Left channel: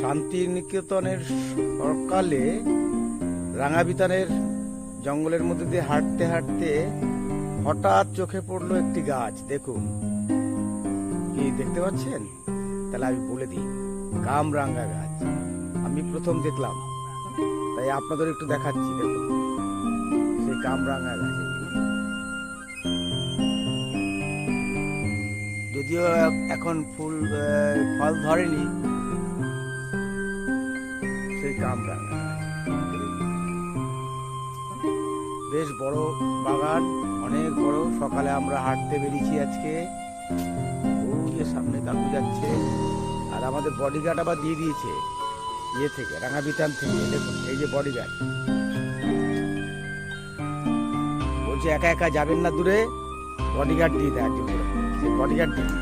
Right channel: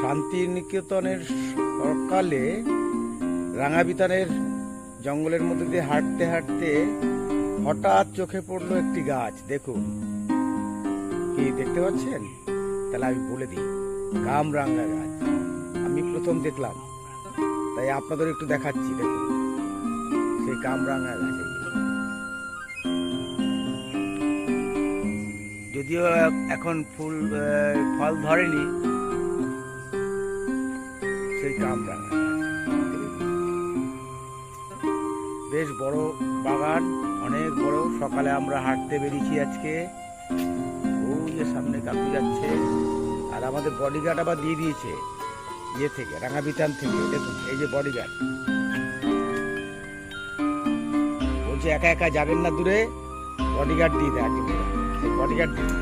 শান্তিনিকেতনের সকালে রাঙাবিতানের জঙ্গলের মধ্যে দিয়ে হাঁটতে হাঁটতে হঠাৎ চোখে পড়লো একটি গাছ। দেখুন, কি দেখতে পাচ্ছেন? তাহলে আমি বলে দিই, কামরাঙা গাছ। আমি প্রথম দেখলাম, তাই আপনাদের একটু দেখাচ্ছি। দেখুন, সেই কামরাঙা গাছ। যদিও এখন ফল ধরেনি, সেই কামরাঙা গাছ বেশ বড় বাগান, অনেক বড়। সকালে আমরা হাঁটতে বেরিয়েছি আজকে। ওই যে সামনে কাকু যাচ্ছে, আর আমাদের বডিগার্ড আবার দিয়ে দিয়েছে ইয়ে থেকে, রাঙাবিতান থেকে। দেখুন, এই যে বডিগার্ড বলছে একা একা যাবেন না দূরে, বডিগার্ড দিয়ে দেয়। সেই বডিগার্ড দিয়ে